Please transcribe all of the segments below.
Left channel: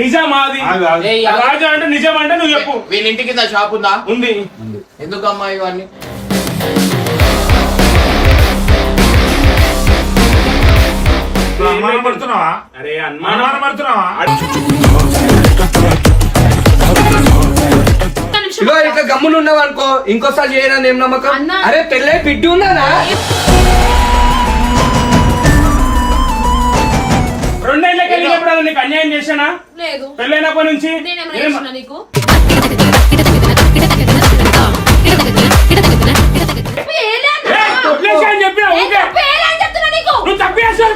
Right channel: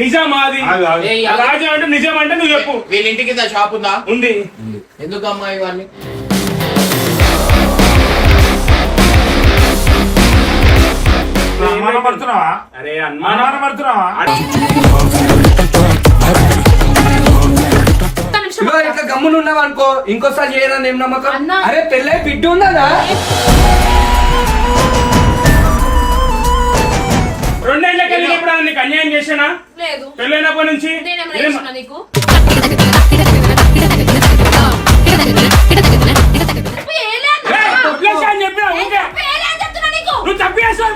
నిజమాది రాజు అంటే నిజం అంటే నువ్వు చెప్పు. వీళ్ళ ఇంటి కింద షాప్ ఉందా? ఉంది. ఎందుకమ్మా ఇవన్నీ? అరే అనుమానం పడుతున్నావా? ఇట్లా గమ్మున ఉన్నావు అనుకో, ఇంకోసారి చేయరా ఏం నమ్మకం? అరే పెళ్ళై బిడ్డ ఉందా? 2 ఏళ్ళకి వెళ్ళినప్పుడు నీకు అన్యాయం చేశానా? పెళ్ళైనప్పటి నుంచి చెప్పినా నువ్వు తప్పేస్తావు.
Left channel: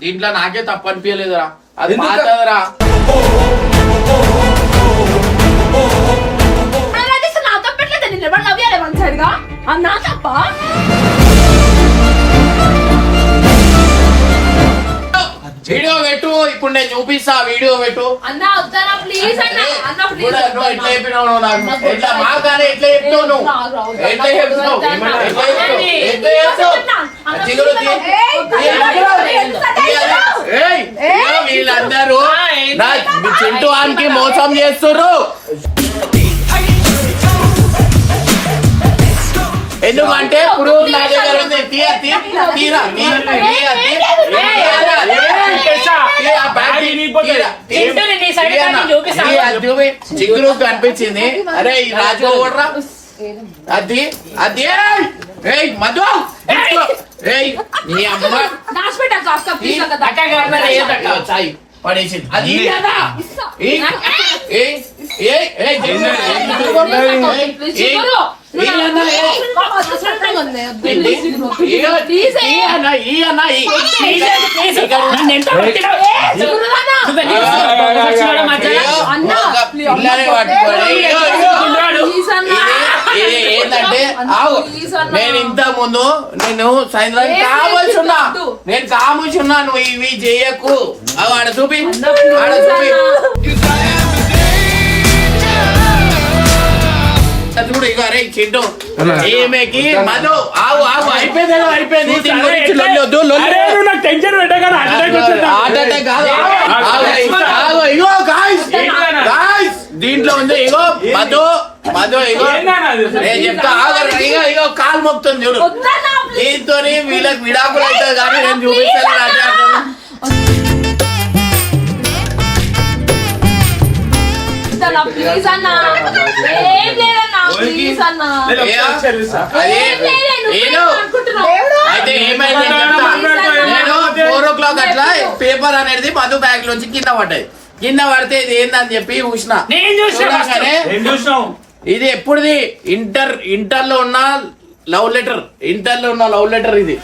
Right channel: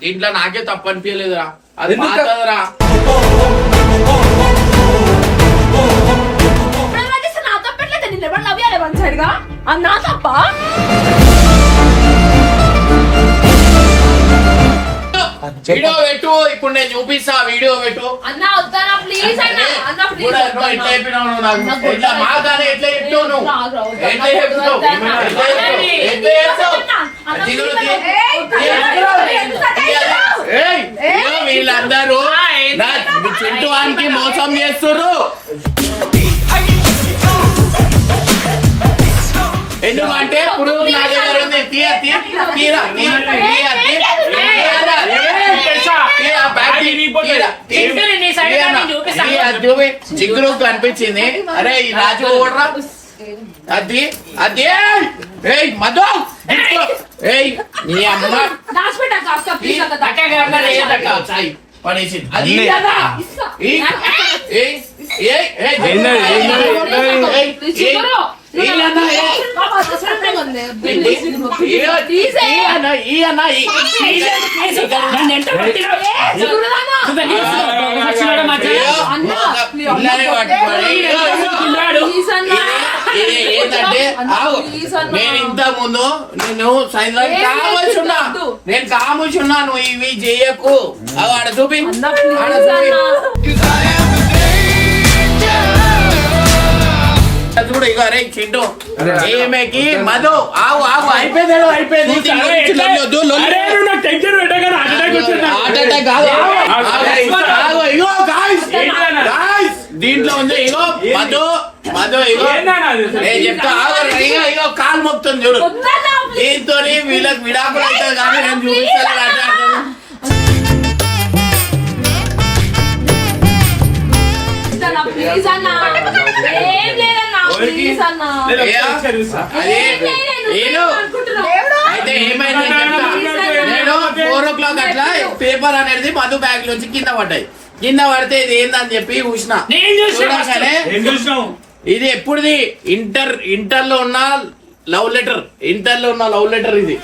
దీంట్లో నాకే తప్పు అనిపించలేదురా, అది మాట్లాడరా. నా తప్ప వీడియో పెట్టు, ఇప్పుడు నేను చూపిస్తా. వీడియో పెట్టు. అన్నా వద్దానా ప్లీజ్ అన్నా. అన్నా ప్లీజ్ ఎట్లా చెప్పినావు నాకు? ఎట్లా మాగానే ఎట్లా చెప్తావు నువ్వు? ఎట్లా చెప్తావు? వీళ్ళందరూ చింటూ ఆనికి మోసం చేస్తుర్రు. ఎందుకంటే ప్రూఫ్ నా దగ్గర ఉంది. చిగురు కనిపించింది. అరే ఈ రాజు ఓడరా, అది అది మధు నీ అమ్మ పడేసింది. అది ఏంటంటే నేను ఇంత ముందు నేను కాముచున్నా నువ్వు ఇవి చేయకు. ఆడ చూపి చూడు. ఇక అరే చింటూ ఈమెకి మధు ఆగు ఆగు అయిపోయింది. దీంట్లో ఉంది ఇగో మధు ఇగో నేను చెప్తా. ఇగో కాలు మొక్కుతుంది చూడు. దీంతో వీళ్ళకి విడాకులు అవుతుంది కానీ నేను చూపిస్తాను. అయితే ఏమైంది? నేను 4 o'clock అట్లా పేపర్ అనేది మధు బ్యాగ్ లోంచి కింద పడ్డాయి. కింద పడితే ఇది ఏందని చెప్పి చూసినా. ఇది ఎప్పుడుది? ఇంటర్ లో ఉన్న లవ్ లెటర్. ఇది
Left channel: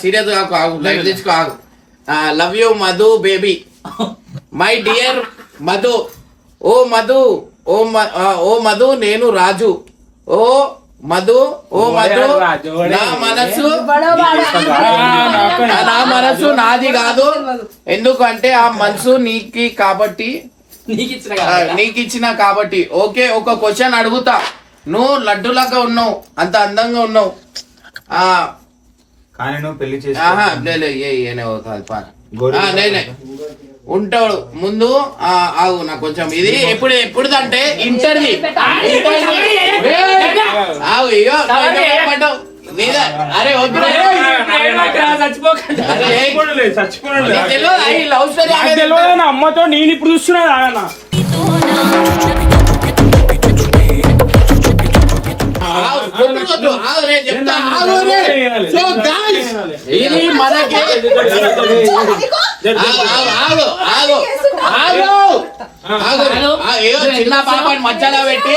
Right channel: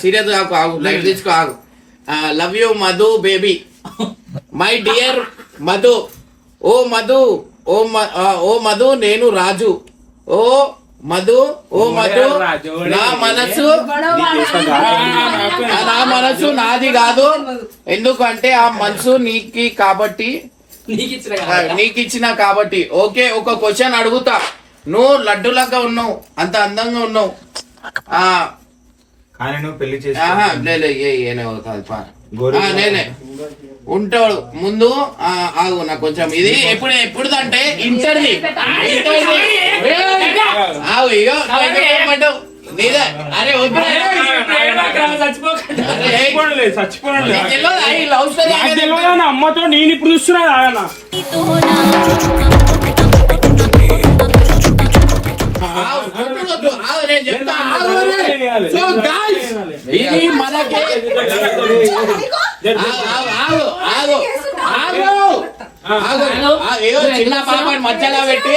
సీరియస్ ఆగు, లైఫ్ తెచ్చుకో, ఆగు. Love you Madhu baby, my dear Madhu. ఓ మధు నేను రాజు. ఓ మధు నా మనసు నాది కాదు. ఎందుకంటే ఆ మనసు నీకి కాబట్టి నీకిచ్చిన కాబట్టి. ఓకే, ఒక క్వశ్చన్ అడుగుతా. నువ్వు లడ్డులాగా ఉన్నావు, అంత అందంగా ఉన్నావు. నేనే ఉంటాడు ముందు. ఆగు నాకు కొంచెం ఇది ఎప్పుడుదంటే ఇంటర్ది. ఆగు ఇగో అరే అమ్మతో నేను ఇప్పుడు చూస్తున్నా. ఇది మనకి చిన్న పాపని మధ్యలో పెట్టి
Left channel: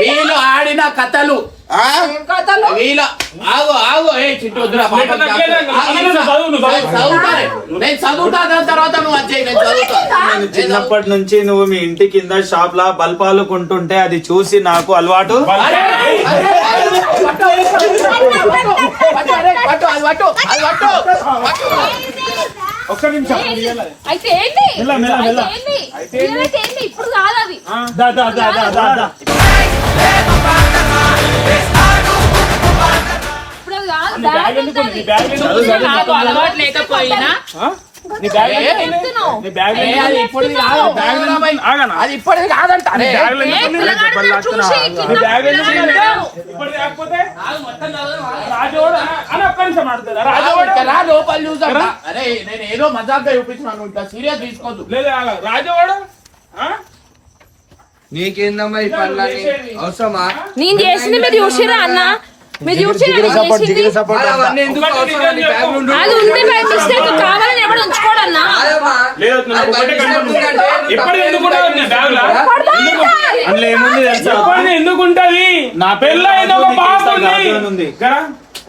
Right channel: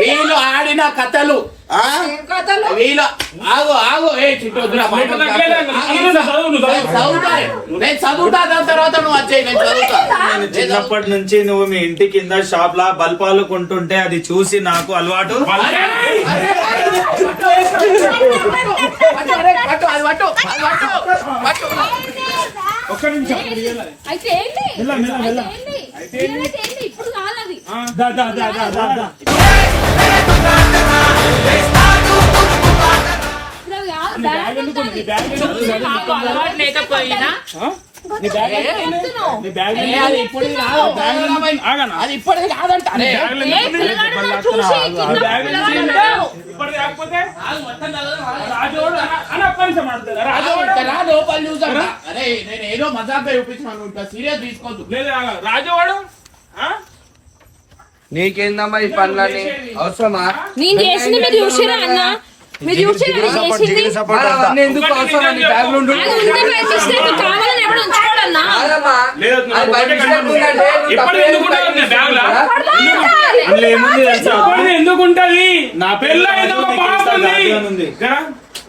వీళ్ళు ఆడిన కథలు ఆ? వీళ్ళ ఆగు ఏ చిట్టు వద్దురా పాపం నాకు తగ్గలేదు. నువ్వు చదువుతానే. నేను చదువుతా దాని తర్వాత నువ్వు వచ్చేయి నేను చదువుతా నేను చిన్నప్పటి నుంచి నువ్వు మీ ఇంటి కింద షాప్ లా బల్పాలు కొంటుంటే అది చూసి నాకు అలవాటు. అరే, అరే, అరే, పట్టు, అరే, పట్టు, అది పట్టు, అది పట్టు, పట్టు. ఒక్క నిమిషం అయితే ఏంటి మెల్ల, మెల్ల, మెల్ల. అయితే ఏంటి ఇప్పుడు కాదు అది దా, దా, దా, దా, దా, దా. ఇప్పుడు అది కాదు నీ బ్యాగ్ ఎందుకు ఉంది? నీ బ్యాగ్ ఎందుకు ఉంది? నాకు అలవాటు లేకపోయినా ఆ? నీ బ్యాగ్ ఎందుకు ఉంది? చెప్తున్నావు. నీ బ్యాగ్ ఏ, ఎందుకు అది ఉంది? ఇప్పటిది కాదు, బ్యాగ్ ఎందుకు ఉంది? ఆగనా? అది ఇప్పటిది కాదంట అరే. నీ బ్యాగ్ ఏ ఎందుకు ఉంది? పిల్లగాడు నన్ను చూసి కింద నీ బ్యాగ్ ఎందుకు ఉంది? పిల్లగాడు. ఇప్పుడు కాకపోతే రాజోడు అని ఒక్క నిమిషం ఆడుతుందా? రాజోడు ఇక్కడ రా, లోపల చూసాం అరే నేను ఏదో మజాక్ చూపించినాను ఇంత సీరియస్ తీసుకోవద్దు లేదు రాజోడు ఆ? నీకేందమ్మా ఈ పనులని అవసరమా? నేను చేసింది మీరు చూసిరా అన్న మీరు చూసిరా నేను చేసింది మరి అవన్నీ ఎందుకు అవసరమా? నీ బ్యాగ్లో ఉండు. అది ఉంటే బై మిస్టేక్ కావాలని ఎవడు ఉంచుకోడన్నా కాదమ్మా. లేదు నాకు ఒకటే కనుక్కున్నా. ఇప్పుడు ఎందుకు ఉంటుంది నీ బ్యాగ్లో? అందులో ఏముంది తెలుసా? చెప్పండి ఎందుకు ఉంటది? నా పెళ్ళి అయితే ఒక పాప ఉంది. దాంట్లోనే ఉంది. గా?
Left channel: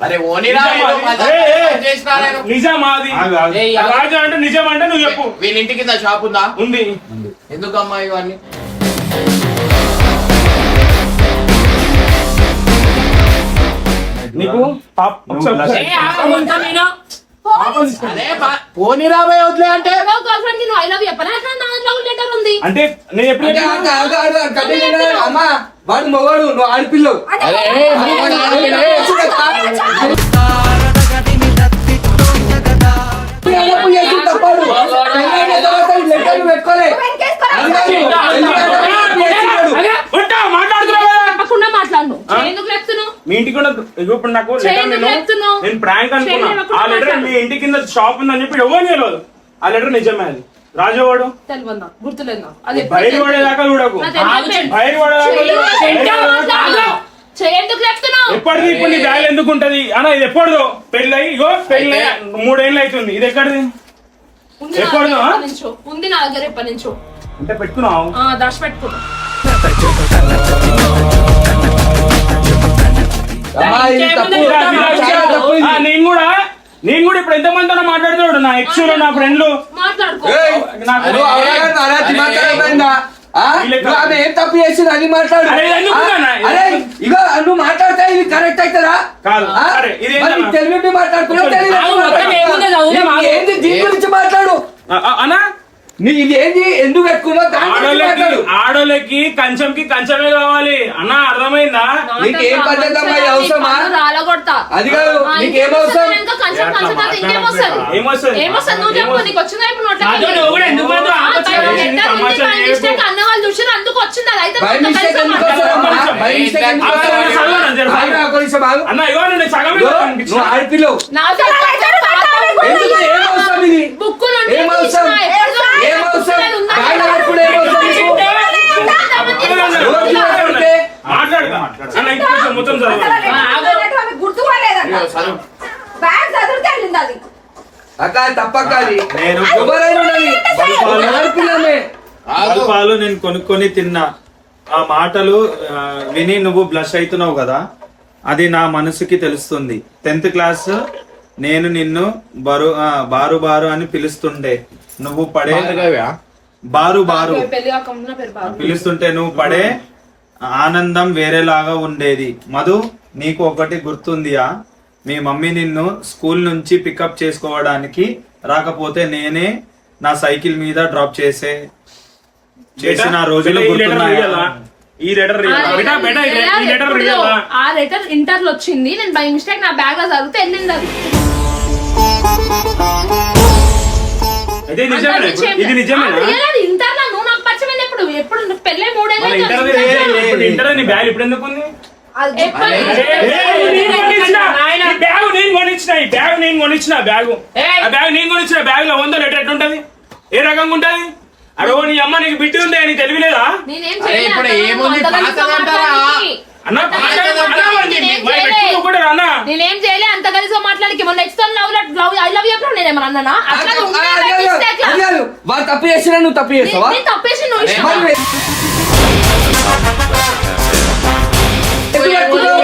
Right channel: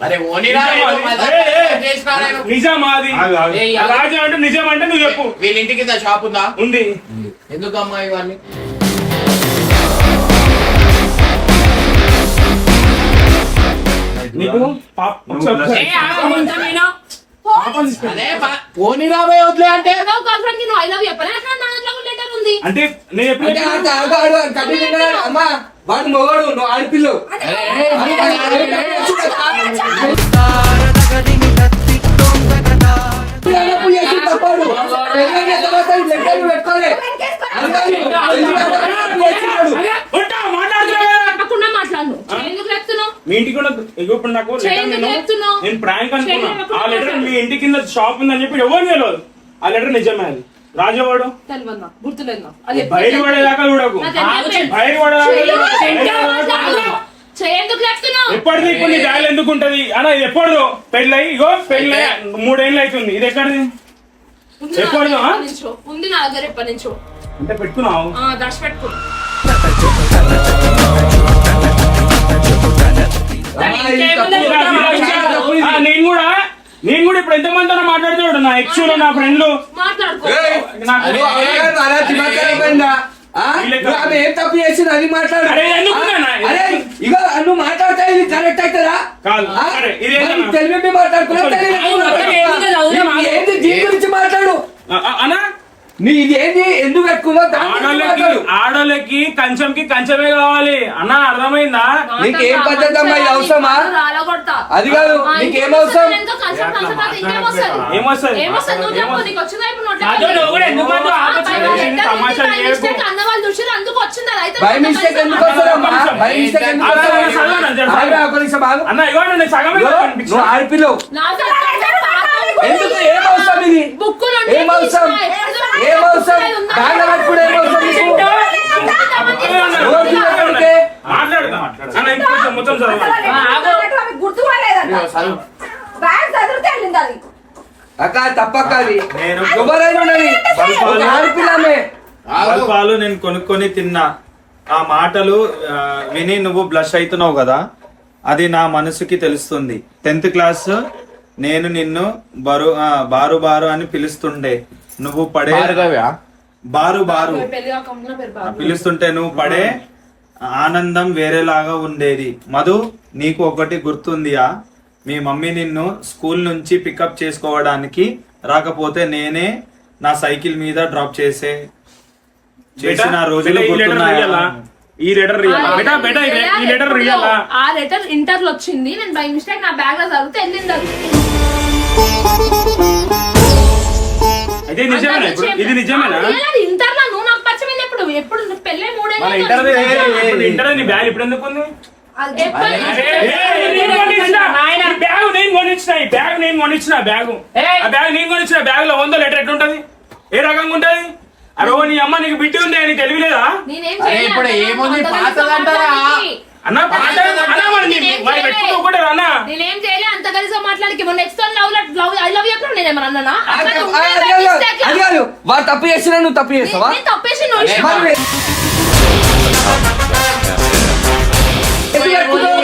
అరే ఓనిరా ఏదో మజాక్ చేసినా నేను. నిజమా అది? ఆగు, ఆగు. ఏయ్, రాజు అంటే నిజం అంటే నువ్వు చెప్పు. వీళ్ళ ఇంటి కింద షాప్ ఉందా? ఉంది ఎందుకమ్మా ఇవన్నీ? నీకు పాప- ఒకసారి- అదే పోనీరా బే వదిలే అంటే గర్ల్ ఫ్రెండ్ కి నువ్వు ఐ లవ్ చెప్పలే అట్లా నా లవ్ లెటర్ ఉంది అంటే నేను ఎప్పుడు అంటే చెప్పినా? ఆగు, ఆగు, ఆగు, కడ్డీ తినగాడు. అమ్మా వాడు మొగడు నువ్వు ఆడపిల్లవు. అరే పిల్లలకు చేసి తప్పదు. పెళ్ళైన తర్వాత ఈ లెక్కలు పెట్టుకోలే. అందరూ ఉంటా, మాట్లాడుతున్నావు కదా? తప్పకుండా మాట్లాడు ఎందుకు చెప్తున్నావు మీ ఇంటికి కూడా ఇగో ఇప్పుడు నాకు చేయి లెటర్ ఎందుకు చెప్తున్నావు? నేను ప్రాంక్ అనుకున్నా. చేయి ఎందుకు ఆ లెటర్ మాట్లాడు? మీ ఇంటి కింద షాప్ ఉందని చెప్పి ఎవరు తెలియదు. ఆ లెటర్ నిజమే అది. రాజవాడు తెలియదు గుర్తులేదు అది బయలు పడేదాకా చూడకు. బయలు పడేదాకా ఎందుకు చెప్తున్నావు ఎప్పటిది ఇప్పుడు నీ బ్యాగ్ ఎందుకు ఉంటది అన్న? ఇది ఎప్పటిదో పెళ్ళి ఇగో పెళ్ళి 3 ఏళ్ళు అవుతుంది. ఇది ఎక్కడిది? ఉంది నా ఎప్పుడు దగ్గర ఆ? ఎప్పటి నుంచో. ఉంది నా దగ్గర ఎప్పటి నుంచో అంటే పెట్టుకున్నావు. దాచి పెట్టుకున్నా నేను కూడా ఇప్పుడు ఎంత మందితో మాట్లాడుతున్నాడు. నా ఎక్స్ నా ఫ్రెండ్లు మాట్లాడుకో ఏయ్, నువ్వు అవగాహన అలాంటి మాట్లాడమైందా? ఆ? నువ్వు ఆమె ఏం తప్పు చేసింది అది మాట్లాడు. అరే, ఎందుకు నాన్న? అరే ఇగో నువ్వు మాట్లాడితే ఇది కరెక్ట్ అవుతుందా? కాదు. అరే, ఇది ఏంటన్నా? తెలివి మాట్లాడుకున్నావు ఏంది దీని గురించి మాట్లాడు. అన్నా నీ ఇది ఏంది ఎందుకు పెట్టుకున్నావు దాని గురించి ఆడోళ్ళకి మాట్లాడు. ఆడోళ్ళకి కంచంకి కంచమే కావాలి అన్న. అర్థమైందా? నీకు ఏం పద్ధతి అమ్మా ఇది అవసరమా? రాలగొడతా అది కాదు నీకేం అవసరం? ఏమొస్తుంది? ఏమొస్తుంది నువ్వు చెప్పు నీకు వచ్చిందా ఇప్పుడు నోట్లోకి? అదో నువ్వు కూడా ఎందుకు మాత్రం ఆ, ఆపచ్చు? బయట ఏంటి లెటర్ ఉంది, తమాషా బై చేయకు. మిస్టేక్ అన్న వాళ్ళు చూసారు అందుకు వచ్చింది అది అయితే బై నువ్వు మిస్టేక్ కలిసి ఎందుకు వస్తారమ్మా? మాట్లాడు. బై మిస్టేక్ ఎందుకు ఆ, వస్తారు? చదవను, చదవను. ఆగు, ఒక నిమిషం ఆగు. అన్న ఇగో నేను సగమే ఇగో, కనిపించిన. నువ్వు ఆడపిల్లవు. నా దగ్గర ఎందుకు ఏం అవసరం ఇది? బుక్కు నుండి ఏం అవసరం? తీసినా, ఏం అవసరం? బ్యాగ్ అప్పుడు ఏం అవసరం నీకు? రోజు ఎక్కడికే? మాట్లాడతా. అన్న ఇంకో నిమిషం మొత్తం చదవాలి. ఇదిగో చదువు. బ్యాగ్ చదివితే వెళ్ళింది అది అక్క తప్పక్క అది నేను ఎవరైనా ఉండని. బల్పాలు- ఆడపిల్లమే. ఆగు. పాలు నేను కొనుక్కొని తిన్నా. ఆ మాటలు విని నువ్వు బ్లష్ అవుతున్నావు కదా, అది నా మనసుకి తెలుస్తుంది. 10th క్లాస్ నేను నిన్ను బారు బారు అని పిలుస్తుండే. నువ్వు పడే భార్గవ్యా? బారు బారు పెళ్లి కాకుండా పేరు బాబు. పిలుస్తుంటే నువ్వు పడే ఆనందం వేరేలాగా ఉండేది. మధు నీకు ఒకటి గుర్తుందియా? మీ మమ్మీ నిన్ను స్కూల్ నుంచి పికప్ చేసుకోవడానికి రాకపోతే నేనే నా సైకిల్ మీద డ్రాప్ చేసిన రోజులు ఈ లెటర్ గుర్తున్నాయా? రియలా? ఈ లెటర్ రియలా? బేటా బేటా ఈ లెటర్ రియలా? ఆ లెటర్ ఇంటర్ లో వచ్చింది నేను బై మిస్టేక్ నా బ్యాగ్ లో చదివితే వెళ్ళింది అది ఇది నిజమేనా? ఇది నిజమేనా? ఇంటర్ లో నువ్వు నాకు పరిచయం ఎప్పుడు ఎప్పుడు పెళ్ళే మన ఇంటర్ ఇంటర్ నీ బ్యాగ్ ఇప్పుడు ఎందుకు ఉంది? ఎప్పుడు బ్యాగ్ లో 100 లెటర్ ఎట్లుంటది? ఏ రకంగా ఉంటది? అరే నీ అమ్మ నీకు బిడ్డ ఉంది అని తెలియలేదా? నేనేం అరే, ఇప్పుడు ఏముంది? పాతదంటారా? అన్న ఒకటే అన్న నేనేం చేయలే అంత కలిసి మాట్లాడికి మొన్న నెక్స్ట్ లవ్ ఐ లవ్ ఎప్పుడు నేను ఏమన్నా అన్నానా? అట్లా ఉంటే by mistake లా. అది కాదు. వాడు తప్పు చేసినా నువ్వు తప్పు చేస్తావా? నేను తప్పేసి నువ్వు ఇష్టం మరి ఎందుకు ఎక్కుతావు?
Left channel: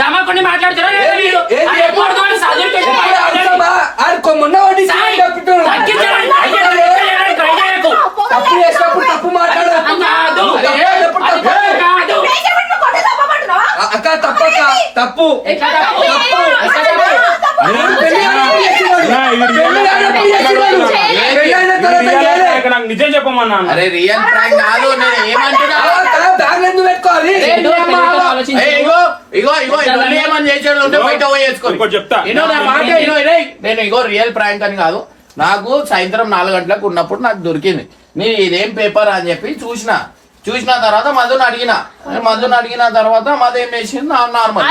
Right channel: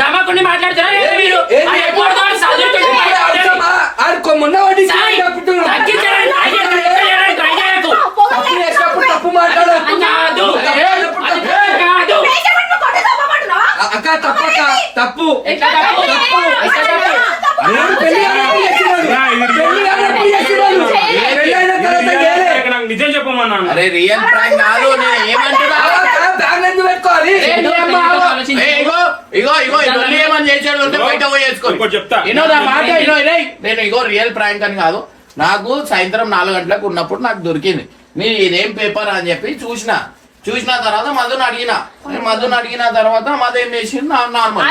దమ్మకుండా మాట్లాడుతారా మీరు అది ఎప్పుడు చదువుతుంది మొన్న తప్పు చేసినప్పుడు తప్పు మాట్లాడు అక్క తప్పక్క తప్పు నాకు నిజం చెప్పమన్నా. అరే రియల్ ప్రాంక్ కాదు, నేను ఏమంటున్నా పెట్టుకోవాలి. ఇగో ఇగో ఇగో ఇవన్నీ ఏమని చేసాడు అంటే బయట పోయేసుకో. ఇంకోటి చెప్తా. నేను ఇగో రియల్ ప్రాంక్ అని కాదు, నాకు సాయంత్రం 4 గంటలకు ఉన్నప్పుడు నాకు దొరికింది. నేను ఇదేం పేపర్ అని చెప్పి చూసిన తర్వాత మధుని అడిగిన తర్వాత మధు ఏం చేసింది నార్మల్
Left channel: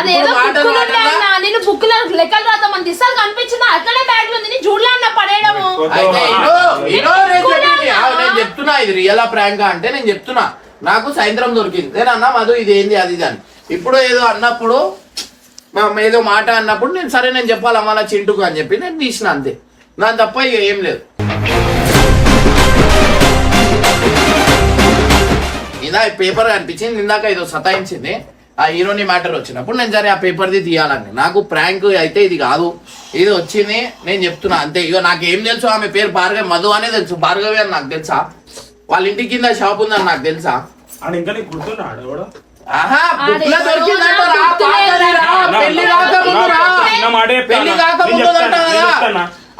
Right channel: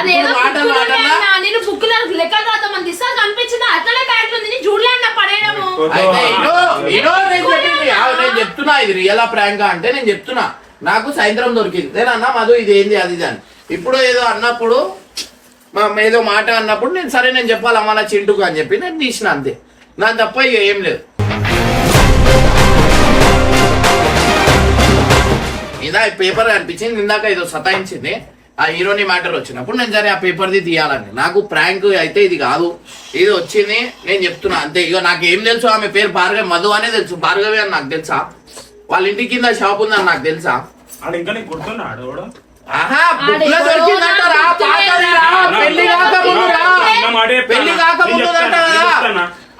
నేను బుక్ లెక్కలు రాద్దామని తీసాను కనిపించింది అట్లనే బ్యాగ్ ఉంది నీ చూడలే అన్న పడేయడము. అయితే నేను చెప్తున్నా ఇది రియల్ ప్రాంక్ అంటే నేను చెప్తున్నా నాకు సాయంత్రం దొరికింది. నేనన్నా మధు ఇది ఏంది అది అని. ఇప్పుడు ఏదో అన్నప్పుడు ఏదో మాట అన్నప్పుడు నేను సరే నేను చెప్పాలి అమ్మ చింటుకు అని చెప్పి నేను తీసిన అంతే, నాకు తప్ప ఇక ఏం లేదు. ఇందా పేపర్ కనిపించింది, ఇందాక ఏదో సతాయించింది ఆ హీరోని మ్యాటర్ వచ్చినప్పుడు నేను సరే ఆ పేపర్ది తీయాలని. నాకు ప్రాంక్ అయితే ఇది కాదు, ఇది వచ్చింది నేను చెప్తున్నా అంతే. ఇక నాకు ఏం తెలుసు, ఆమె పేరు భార్గవి, మధు అనే తెలుసు, భార్గవి అని నాకు తెలుసా, వాళ్ళ ఇంటి కింద షాప్ ఉందని నాకు తెలుసా. ఇంకా నీకు గుర్తున్నాడు కూడా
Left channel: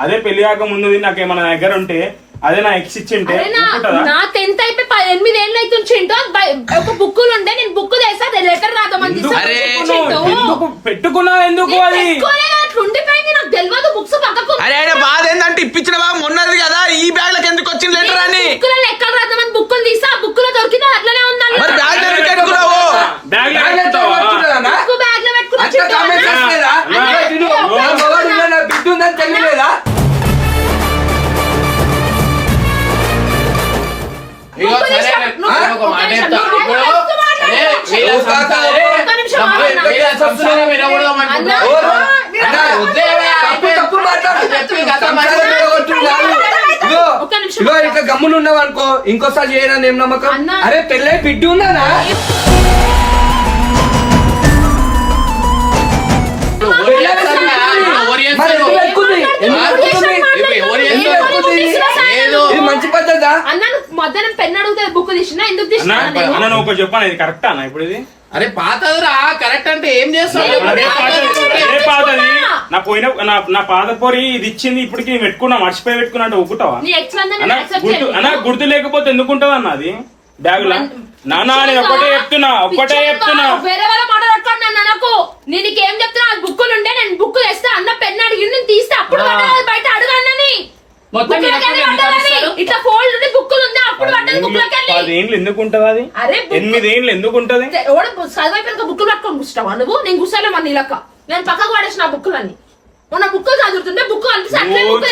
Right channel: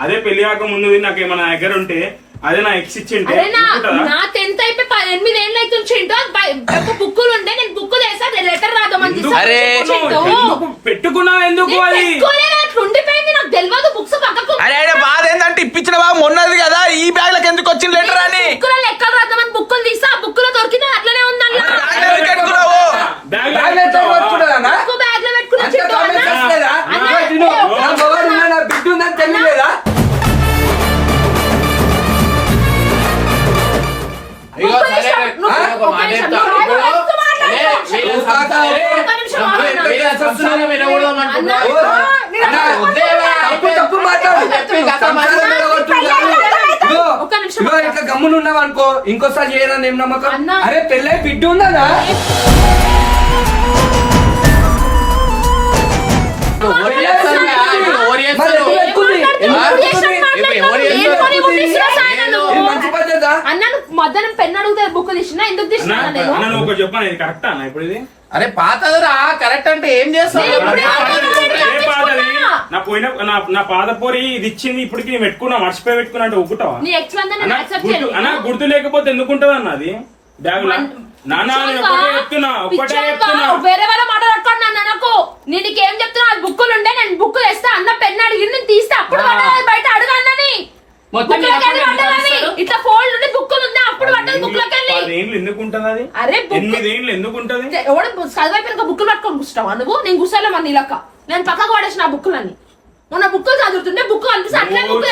అదే పెళ్లి కాక ముందు నాకు ఏమైనా దగ్గర ఉంటే అదే నా ఎక్స్ ఇచ్చింటే నా 10th అయిపోయి 8 ఏళ్ళు అవుతుంది. ఒక బుక్కులు ఉండే నేను బుక్ చేసా లెటర్ రాద్దామని పెట్టుకున్నా ఎందుకు అది ఉండిపోయింది నాకు తెలియదు. బుక్స్ పక్కకు అరే బాధ ఏంటంటే ఇప్పించిన బాగా మొన్నది కదా ఈ బ్యాగ్ లకు ఎందుకు వచ్చింది లెటర్ అని బుక్కులో లెక్కలు రాద్దామని బుక్కులు తీసా బుక్ లో దొరికింది అట్లనే ఉందన్న బ్యాగ్ లో పెట్టుకున్నా బిడ్డ ఉందని తెలియలేదా? ఇట్లా గమ్మున ఉన్నావు అనుకో ఇంకోసారి చేయనని ఏం నమ్మకం? అరే పెళ్ళై బిడ్డ ఉందా? మంచి పద్ధత మధ్యాహ్నం పెన్ అడిగితే బుక్ తీసినా ఎందుకు తీసినా చెప్పాను ఇది కరెక్ట్ అన్న ఇప్పుడు ఇది. అరే పాతదిరా కరెక్ట్ అంటే ఏం చేస్తావు? నా పోయిన నా పాత పోరి ఇది ఇచ్చింది ఇప్పటికి పెట్టుకున్నా మర్చిపోయి పెట్టుకున్నా అంటే ఒప్పుకుంటావా? అన్న గుర్తు లేకపోతే ఎందుకుంటది అన్న అది బ్యాగ్ లో? నాన్న ఒకటే చెప్తున్నా వేరే వాళ్ళ మాట పెట్టుకోండి నాకు నీకేం చెప్తున్నా బుక్కులు ఉండే నేను బుక్ తెస్తా అన్న పెన్ అడిగి నేను తీస్తే అప్పుడు బయట అడుగు అన్నని ఇట్లా ఫోల్డ్ ఉండి బుక్కులు ఉంది అప్పుడు పడ్డది బుక్ లోకి వెళ్ళి 10 ఏళ్ళు ఎందుకు ఉంటది అది? 8 ఏళ్ళు ఎందుకు ఉంటది? ఎవడ చదివైపోయిన బుక్కులు పట్టుకొని కూర్చుంటావా నువ్వు? నేను కూర్చోలే మన నీ లెక్క నేను పక్కకు పడేసిన ఆ బుక్కులన్నీ. మొన్న బుక్కులు చదువుతుంటే బుక్ అనిపిస్తే అట్లే బుక్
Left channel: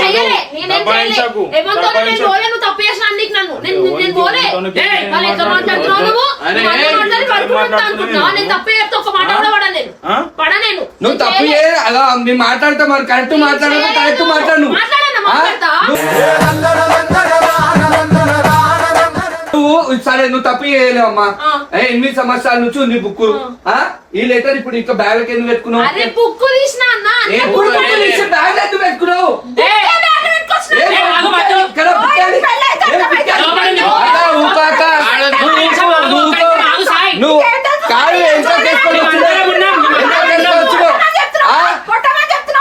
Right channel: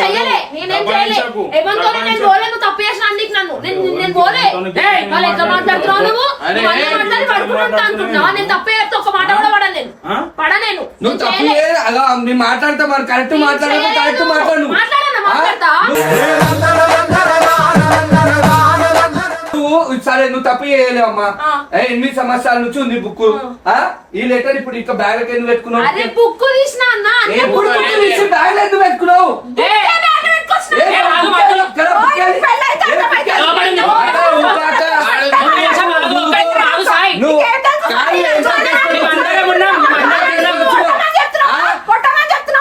చెయ్యలే నేనేం చేయలే ఏమంటే నేను పోలే నువ్వు తప్పు చేసిన నీకు నన్ను నేను పోలే వాళ్ళు ఎట్లా మాట్లాడుతున్నావు నువ్వు అనుకుంటున్నా నేను తప్పే చెప్తే ఒక మాట కూడా పడనేను నువ్వు తప్పు అలా మేము మాట్లాడతాం మరి కరెక్ట్ మాట్లాడము కరెక్ట్ మాట్లాడు మాట్లాడతా సరే నువ్వు తప్పు చేయలేవు అమ్మా 8 సంవత్సరాల నుంచి ఉంది బుక్ ఈ లెటర్ ఇప్పుడు ఇంకా బ్యాగ్ లో ఎందుకు పెట్టుకున్నావు? అరే బుక్ తీసినా అన్న బ్యాగ్ లో ఎందుకు పెట్టుకున్నావు? నువ్వు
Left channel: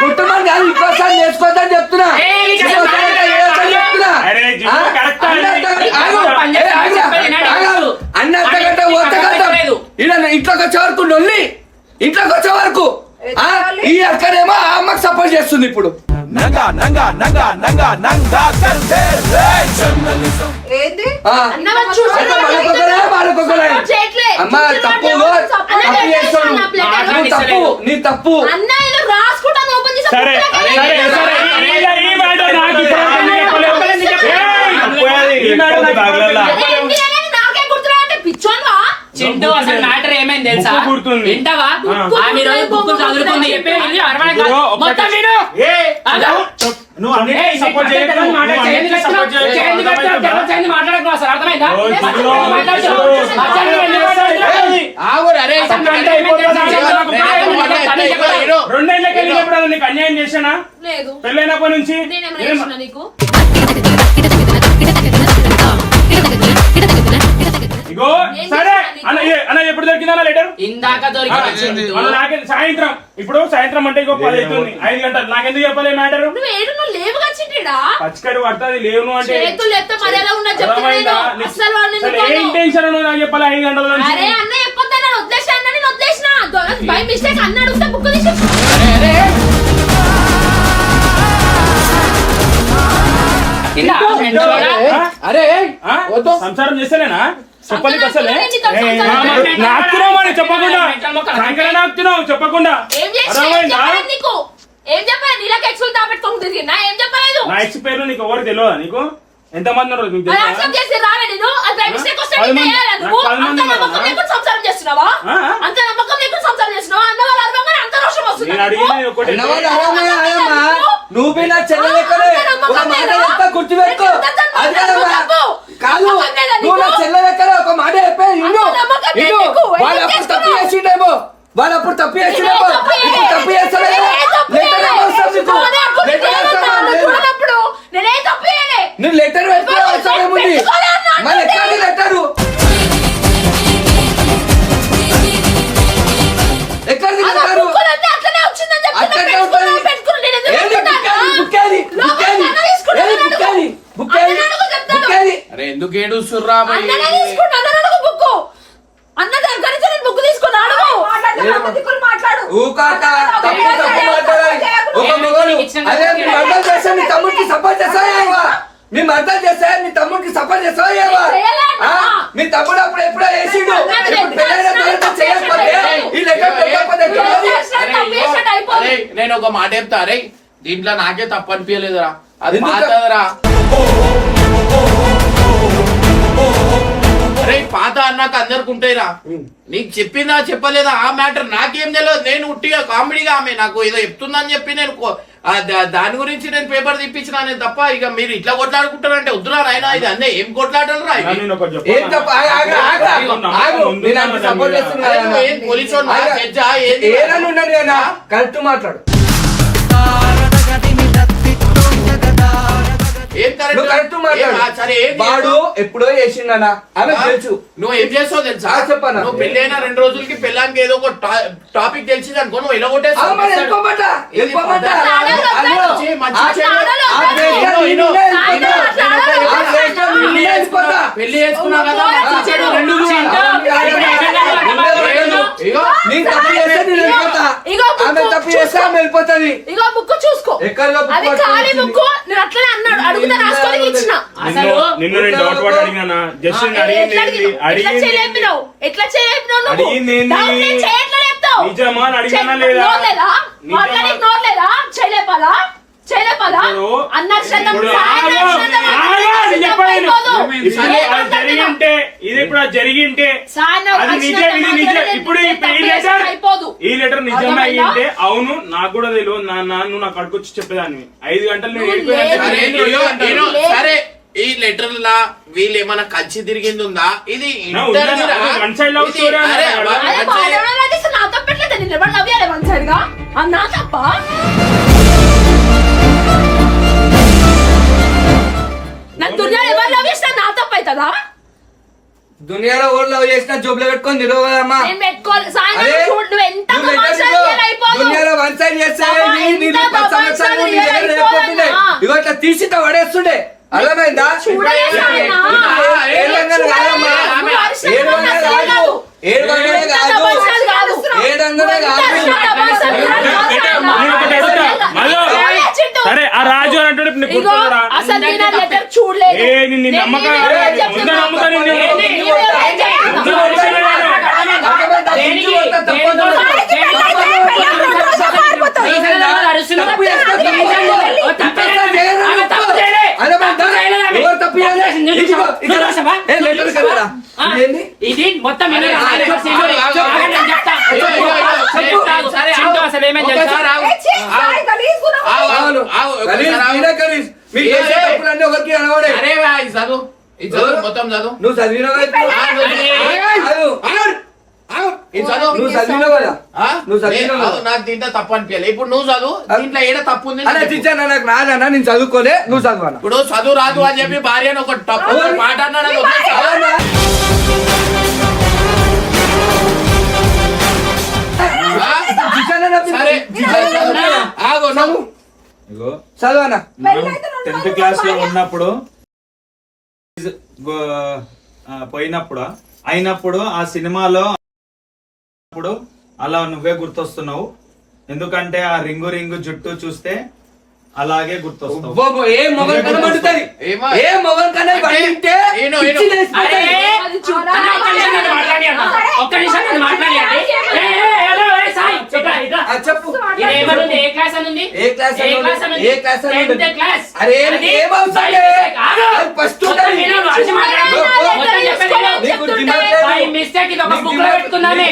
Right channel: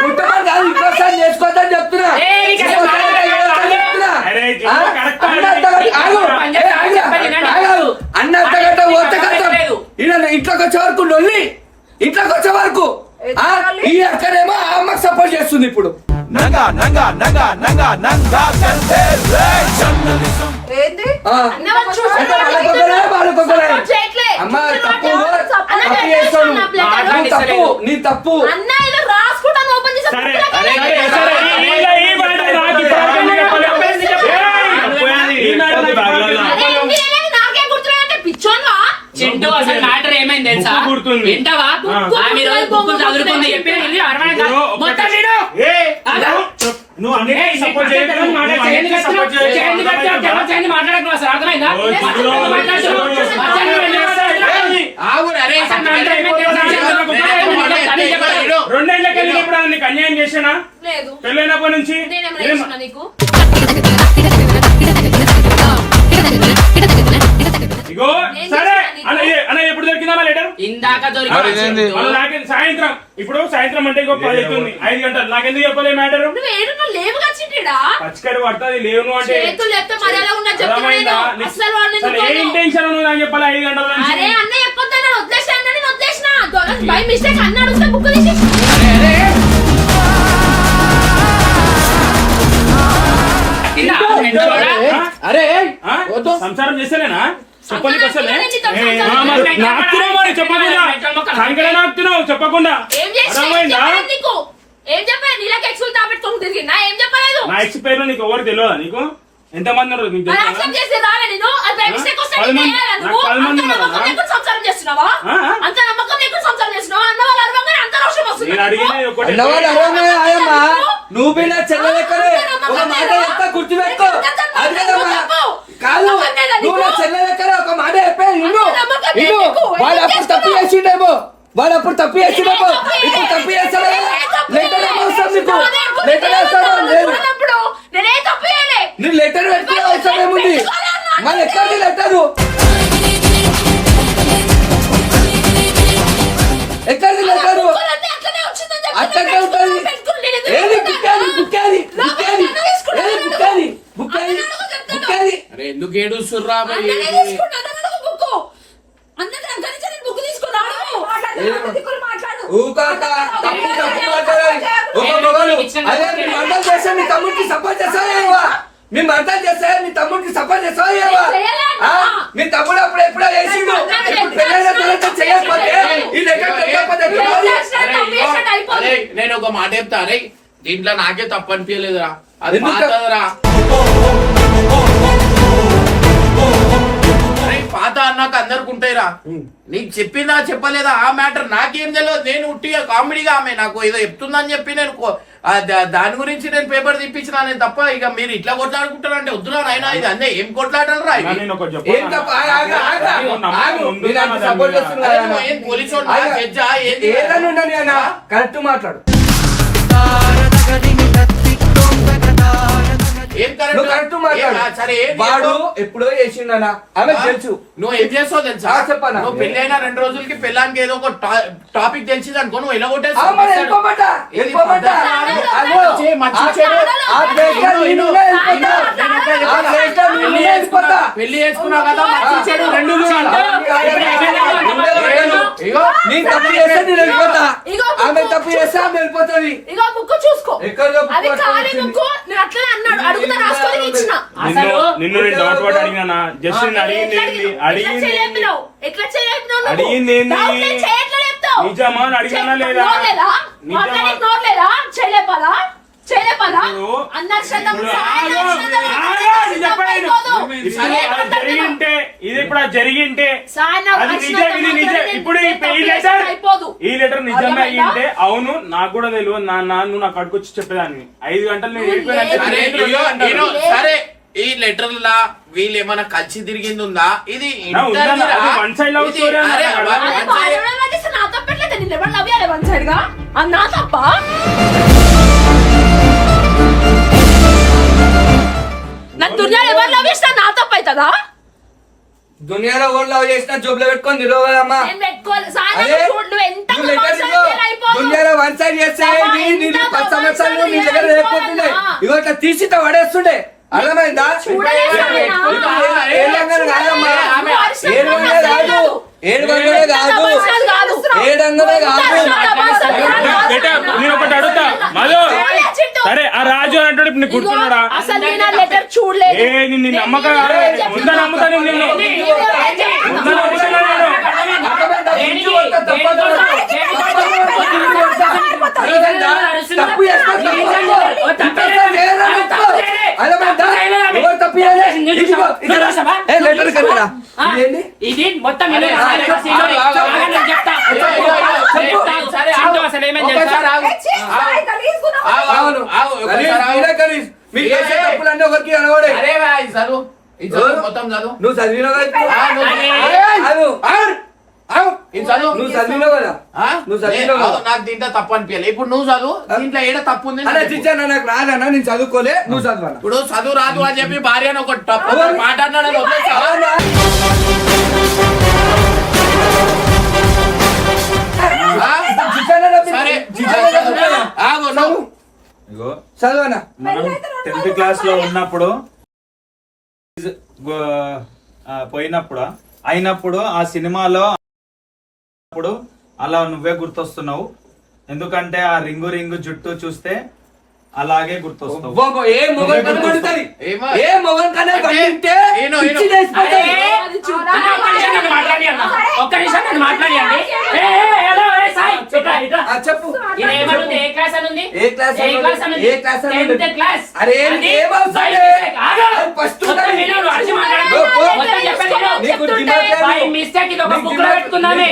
కుటుంబం కాదు ఇంకోసారి నేర్చుకోవద్దని చెప్తున్నా. అన్నగంట ఇంట్లోకి వచ్చే వరకు నొల్లి ఇంట్లోకి వచ్చే వరకు ఈ అక్కడేమో ఆ అమ్మకి సపోర్ట్ చేస్తుంది ఇప్పుడు. నీ తప్పు చింటూ అసలు మ్యాటర్ ఏమైంది తెలుసా? వింటావా? ఆమె రోజు బుక్కులు చదువుకుంది చెప్పి మొత్తం వీడు నువ్వు అన్నిటికీ సపోర్ట్ చేయకు. మాట్లాడకు అసలు అర్థమైందా? ఎప్పుడైనా నీకు అన్యాయం చేశానా? లేదు. పెళ్ళైనప్పటి నుంచి నేనేమైనా చేసినా నీకు? ఇగో సరే అన్న ఎప్పుడు దొరికిందా లెటర్? ఇందాక సాయంత్రం ఇప్పుడు సాయంత్రం అంటే ఇంకో 10 అవుతుంది, 5 గంటలు. నాకెందుకు చెప్పలే మ్యాటర్? నువ్వు ఏడు నువ్వు లేవుగా చిట్టిడా? పచ్చికడు పడుతుంది లేవు అంటే చేతులు లేపితే మరి ఎలా ఉన్నా చెప్తున్నా నేను. అస్సలు వాళ్ళు నిన్ను ఏం కాదు. టెన్షన్ నువ్వు నాకు చెప్పాలి 5 గంటల నుంచి. అరే అన్న చెప్పొద్దా, నేను వదిలేసాను, నేను వదిలేసిన. బై మిస్టేక్ అన్న అడుగుతా బుక్ తీసి. అరే ఆ? వద్దు. సంసారం చేస్తలేనా చెప్పడానికి అసలే సంసారం నాకుతున్నావు మరి చెప్పకుండా సంకరే నాకుతున్నావు చెప్పకుండా ఏం చేసినా? ఏం అర్థమైందా? చెప్పలేదు నీకు? ఏం చెప్పలేదు? నీళ్ళకి ఎక్స్పీరియన్స్ దాపెట్టుకోకు తిరిగినా? ఏం చెప్పలేదు? నా ఎక్స్ పేరు నీకు ఎవరు తెలియదా? నీకు ఎంతమంది ఉన్నారు నీకు మరి తెలుసా? accept చేసి రాలే నేను. అది బై మిస్టేక్ వస్తే 10 నీకు మంది- చేయాలా నాకు నువ్వు? 10 మంది అంత ఉన్నారా? నమ్మకం లేకుండా సంసారం చేస్తున్నావా? ఆ? అంత నమ్మకం లేకుండా సంసారం చేస్తున్నావా? అన్న వాళ్ళు అరవగానే అంత రోషం వస్తుంది నేను అడిగినది ఒకటి. నువ్వు పోయినా చెల్లెక్కడే ఒక మాట చెప్తా గుర్తుపెట్టుకో. అది కదమ్మా కాదు, నువ్వు నా చెల్లెక్కడే ఒక మాట చెప్పాను. వాడు అప్పుడు తప్పు చేసిండేమో, వాడు అప్పుడు తప్పు చేసిండేమో, ఇప్పుడు తప్పు చేస్తాడు కదా. లెటర్ అవసరం నీకు, లెటర్ అవసరం లేదు. నువ్వు లెటర్ పెట్టే అవసరం ఏముంది? మళ్ళీ ఎక్కడికి లెటరు ఎక్కడికి లెటరు అట్లనే ఉంటుంది. ఏది బుక్కాది బుక్కాది బుక్కాది ఏది బుక్కాది బుక్కాది బుక్కాది. అరే ఎందుకు ఏడుస్తుర్రా భయ్? ఊకాక తప్పు తప్పు మాట్లాడాలి. ఒక మొగలు అదే మీ మర్దలు చేస్తే నీ తమ్ముడికి సపోర్ట్ చేస్తావా? మీ మర్దలు చేస్తే నీ తమ్ముడికి సపోర్ట్ చేస్తావా? మీ తమ్ముడు అప్పుడు ఎప్పుడో చేసిండు, ఇప్పుడు పెళ్ళైన తర్వాత చేయకపోతే ఈ లెటర్ పెట్టకపోతే అరే నేను ఒక మాట చెప్తా. అరే దీంట్లో నాకే తప్పు అనిపించలేదురా, అది ఎందుకు? పాతదరా. అరే పాత అన్నాక అందరికి ఉంటాయిరా. నీకు చెప్పిందా చెప్పలేదా ఆ మ్యాటర్ నాకేం తెలియదు. నేను ఉట్టిగా కామెడీగా ఆమె నాకు ఏదో చెప్తుందని చెప్పి నేను దాని గురించి నేను పేపర్ తెప్పించిన నేను తప్ప. ఇక మీరు ఇట్లా కొట్లాడుకుంటారంటే వద్దురా నాయనా, ఇది అన్నీ ఏం కొట్లాడరా? నేను ఒకటి ఏం చెప్పనా? తప్ప ఆగు. నేను అంత సపోర్ట్ చేస్తున్నాను. పోలీసు ఏదైనా ఉండని అన్న కరెక్ట్ మాట్లాడు. ఏం నువ్వు కరెక్ట్ మాట్లాడు. సరే వాడు ఎప్పుడో చేసిండనా ఆమె తెలుసు. నువ్వు ఏం చేస్తావు తెలుసా? చెప్పనా? నువ్వు పెళ్లి అయినా 2 రోజులకి పెళ్ళానికి ఏదో ఒక టాపిక్ తెలిసింది అనుకో, నువ్వు ఎలా వెళ్ళిపోమంటా వెళ్ళిపోమంటా పెళ్లి చేసుకున్నావు కదా మంచి చెడు రెండు తప్పు చేస్తే ఆమె వెళ్ళిపోతుంది. ఇగో బుక్ చూసుకో. ఎక్కడ అది ఖాళీ బుక్. నేను అట్లనే అన్నాడు, అడుగుతా రాసుకోనికి ఇచ్చిన. అసలు నిన్ను నేను డౌట్ పడి అడిగినా జస్ట్ అడిగింది ఏంది? అడిగింది ఏంది? ఎట్లా చేయలేపినావు నువ్వు? అడిగింది ఏంది? డౌట్ లేదు, చేయట్లా చెప్తావు. నిజమా అని అడిగినా లేదా? నోట్ లేదా? నిజమా? మాట్లాడేకి నోట్ లేదా? చేయలేపాలా? చేయలేపాలా? ఇప్పుడు- అన్నక్షతం ఇప్పుడు సాయం ఆగు, అక్షతం ఆగు, నేను చెప్పేది అయిపోదు. ఇప్పుడు ఏం అది మాట్లాడుతున్నావు? జరిగింటే ఇది ఇప్పుడు అది జరిగింటే సాయం అది నిజం, ఇది నిజం. ఇప్పుడు ఈ లెటర్ అయిపోదు. ఈ లెటర్ నిజమే అర్థమైందా? అయ్యింటే అవును నాకు కూడా తెలియదు నాన్న, నువ్వు నాకు అడుకొచ్చి చెప్పేదాన్ని 5 గంటలు నేను నువ్వు వెళ్ళిపోయాను. లేదు. సరే ఈ లెటర్ లా వీళ్ళు ఏమైనా కలిసి తిరిగింది ఉందా? ఇది ఇంటర్వ్యూరా? వన్ సైడ్ లవ్ ఇది- స్టోరీ అరే, అన్నారు one కదా. అదే side- బాధపడే వాళ్ళు చేస్తే నా తప్పట్లేదు. నేను ఎవరు లవ్ చేయాలి వన్ సైడ్ గా? అది నా తప్ప? నన్ను దుర్యాలు ఎవరు లవ్ చేస్తా నా తప్ప అవుతుందా? దునియాలో ఓళ్ళు లవ్ చేసినా జోబులో పెట్టుకొని నిలవదమ్మా. నేను పెట్టుకోవాలి. సాయంత్రం చూడు, నువ్వు ఎంత అయిపోదు. దునియాలో వన్ సైడ్ చేస్తే అబ్బా, ఎంత సంవత్సరాలు నీ దగ్గర అయిపోదు. లేకపోతుండే. ఇగో ఇట్లా తీసి ఇట్లా పడేస్తుండే. అర్థమైందా? చూడలేదు ఆయన. ఏ రంగులు కాదమ్మా. నువ్వు అరిచినట్టు ఏ రంగులే అసలు కాదు. కాదు. ఏ రంగులే నువ్వు ఎంత కాదు. తమాషాలు కాదు. ఏ రంగులే నువ్వు ఎంత కాదు. అరిచినా తమాషాలు కాదు. నేను ఒకటి అడుగుతా మధు, సరే ఆ రాజు అన్నట్టు నీకు ఇగో గుర్తుందిరా? అసలు నేను ఆ లెటర్ చూడలేదు. ఏ నిన్ను నమ్మకం ముందా నమ్ముతా నిన్ను ముందా నమ్ముతాను తప్పు చేస్తా, తప్పు ఇది మొత్తం అసలు ఏమేం తెలుసా? మీరు చేసే తప్పులన్నీ ఒకరికి అనవాడే. అరే వా, ఇది చదువు, ఇది చదువు, మొత్తం చదువు. నువ్వు చదివిన ఇది చదువు. నువ్వు చదివినావు కదా ఆ? నువ్వు చదివినావు కదా. నాకు దీంట్లో తప్పు అనిపించాలి. ఇప్పుడు నువ్వు చదువు, దీంట్లో ఏడ తప్పు ఉంది అలా టీచర్ నాకు రాదన్నా, నేను చదువుకోలే, నువ్వు చదవాలా? ఇప్పుడు చదువు రాదు అని చెప్పి భార్యను ఒక తప్పు మాట్లాడినాడు అది వదిలేస్తావా? ఆ? సరే, ఆగు, నువ్వు ఇగో చదవనా? మనం 10th క్లాస్ లో ఉన్నప్పుడు పోయినప్పుడు అయినప్పుడు ఆ సినిమాలో అప్పుడు అలా నువ్వే గుర్తొస్తున్నావు. ఎందుకంటే ఆ రింగు రింగు జుట్టు చూస్తే అలాగే గుర్తొస్తావు. ఏ మొగన్ కన్నా కొడుతుంది. ఏమో? ఏ మొగన్ కన్నా అంటే పట్టింటే ఏను, పిచ్చి లేచిపోతుంది. అది చూడు. అన్న, ఒక్క నిమిషం నన్ను మాట్లాడియన్నా. ఒక్క నిమిషం నన్ను మాట్లాడియండి. హలో, సాయి, ఇట్రా, ఇట్రా. ఆ, చెప్పు. ఇది ఏమనుంది? ఏ క్లాస్ అని ఉంది? ఏ క్లాస్ ఏ అని క్లాస్ ఉంది? అని ఉంది? ఏ క్లాస్ అని ఉంది? 10th class. అరే, అది ఏం అవసరం సాయి, లేదు. ఆగు. అది ఫస్ట్ మొత్తం ఉండాలి. విను, నువ్వు అరిచి మాట్లాడు. మొత్తం చెప్పేది విను. నీకు దిమాగ్ లేదు. బై మిస్టేక్ ఇది ఒక బుక్ లో పెట్టుకున్నామే.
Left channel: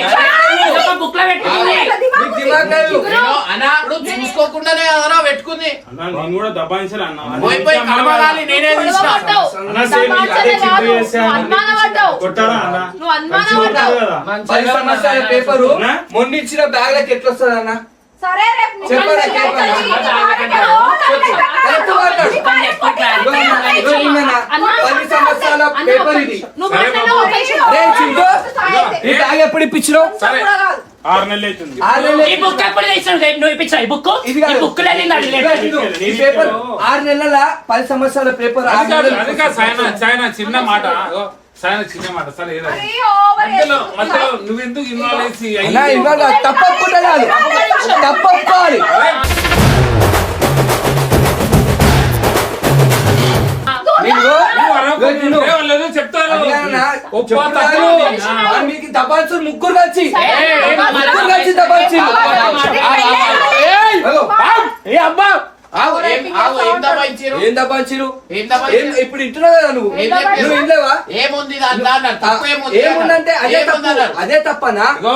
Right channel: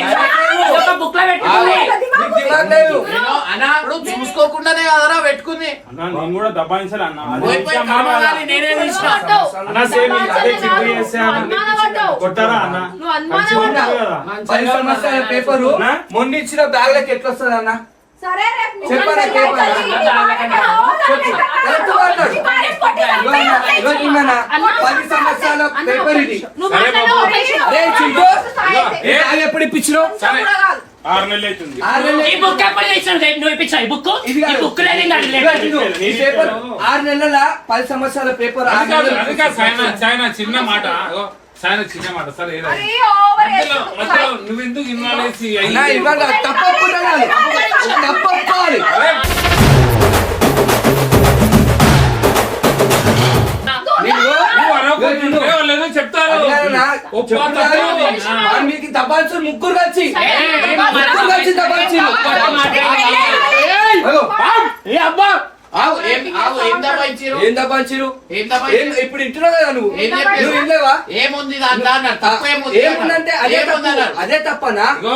ఇది ఒక బుక్ లో పెట్టుకుంది. నీకు దిమాగ్ లేదు. నేను అన్నా ఇప్పుడు చూసుకోకుండానే కదరా పెట్టుకుంది. అన్న, నేను కూడా దబాయించాలి అన్న. పోయి పోయి కనబడాలి, నేనే తీసిన. అన్న, సేమ్ అదే చిక్కు చేసా. అనుమానపడ్డావు. కొట్టారా అన్న? నువ్వు అనుమానపడ్డావు. కదా 10 సంవత్సరాల పేపరు అన్నా? మొన్న ఇచ్చిన బ్యాగ్ లకి ఎట్లా వస్తుంది అన్న? సరే రేపు నీ చెప్పరా, గురించి చెప్పరా. చెప్పు. కరెక్ట్ మాట్లాడు. ఇగో అన్న, ఇగో నిన్న 10 సంవత్సరాల పేపర్ ఇది. నువ్వు మాట్లాడవు, ఒక నిమిషం. అరే చింటూ, ఈ బ్యాగ్ ఎప్పుడు ఇప్పించినావు? 6 నెలలు అవుతుంది. 6 నెలలు ఈ బుక్ ఎప్పుడు తెచ్చినావు? నువ్వు ఇప్పించావు ఈ బుక్? ఇది ఈ కాదు. బుక్ లేదు ఇలా లేదు. ఇగో చింటూ, ఈ పేపర్ 6 నెలల 10 సంవత్సరాల పేపర్ 6 నెలలు. అది కాదు సాయన చిన్న మాట అగో, సాయన చిన్న మాట సరే ఏదో. అరే, ఓవర్ మధ్యలో చేస్తున్నావు. మధ్యలో నువ్వెందుకు ఇన్వాల్వ్ చేసి అన్నా, ఇవాళ తప్పొప్పుకోవాలి. తప్పొప్పుకోవాలి. లేదో చెప్తారు చెప్తారు. వాడు మీకు దబాయించు ముగ్గురు కలిసి దబాయించు. ఏ అబ్బా ఆవు, ఏం దబాయించిరు? ఏం దబాయించిరు? ఏం దబాయించిరు? ఇప్పుడు ఇంటున్నావు కదా నువ్వు. ఏం చెప్పారు? నువ్వు ఇంట్లేవా? ఏముంది దాంట్లో అన్నారు. తప్పు ఏముంది ఏముందంటే అదే ఏముంది తప్పు. అన్నారు. అదే తప్పనా? ఇగో